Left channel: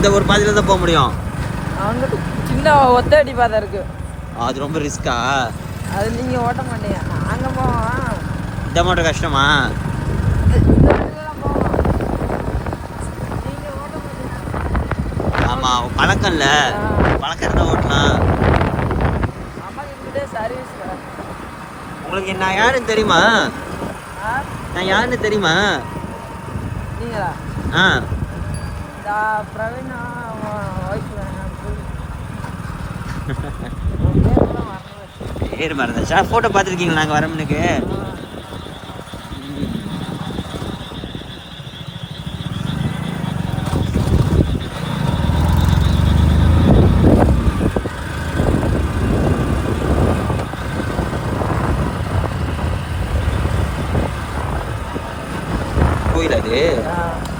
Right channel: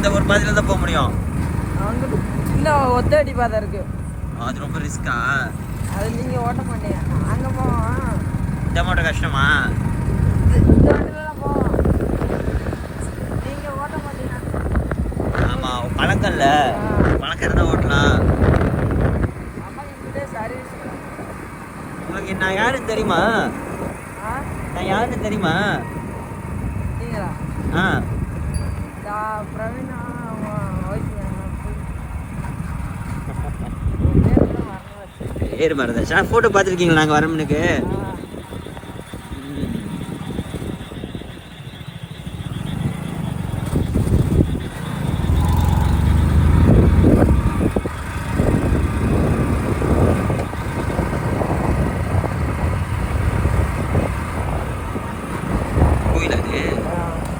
இந்த ஒரு பாதையில தான் போக முடியும். சின்ன ஒத்த அடி பாதை இருக்கு, அது ரொம்ப ரிஸ்கா. அது நீங்க ஓட்ட மாட்டீங்க. அங்க போவோம். இந்த மட்டும் கஷ்டமா? இந்த வழியில போவோம், நீங்க ஓட்ட மாட்டீங்க. ஆமா, பழக்கம் இல்ல. பழக்கம் இருந்தா ஓட்டலாம். அம்மா கிட்ட சர்வீஸ். உங்களுக்கு நான் யாருன்னு தெரியுமா? நான் யாருன்னு தெரியுமா? நீங்களா? பிரவீனா பேர் மறந்தாச்சா? ஃபோட்டோ பார்த்துருக்கீங்களா நாங்கள் வரமுனுக்கு? கோயில் அது?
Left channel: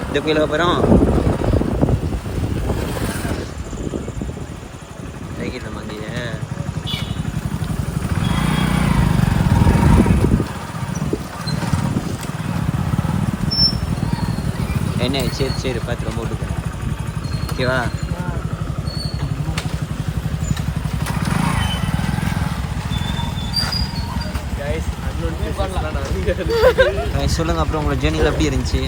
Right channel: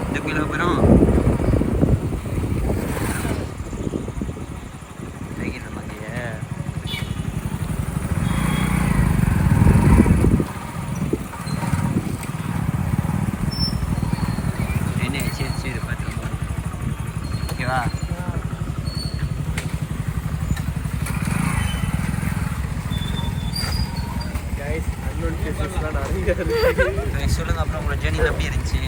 இந்த கோயிலுக்கு அப்புறம் என்ன? சரி சரி, பார்த்து போட்டு ஓகேவா? சொல்லுங்க அப்புறம் உங்களோட ஜேர்னி எப்படி இருந்துச்சு?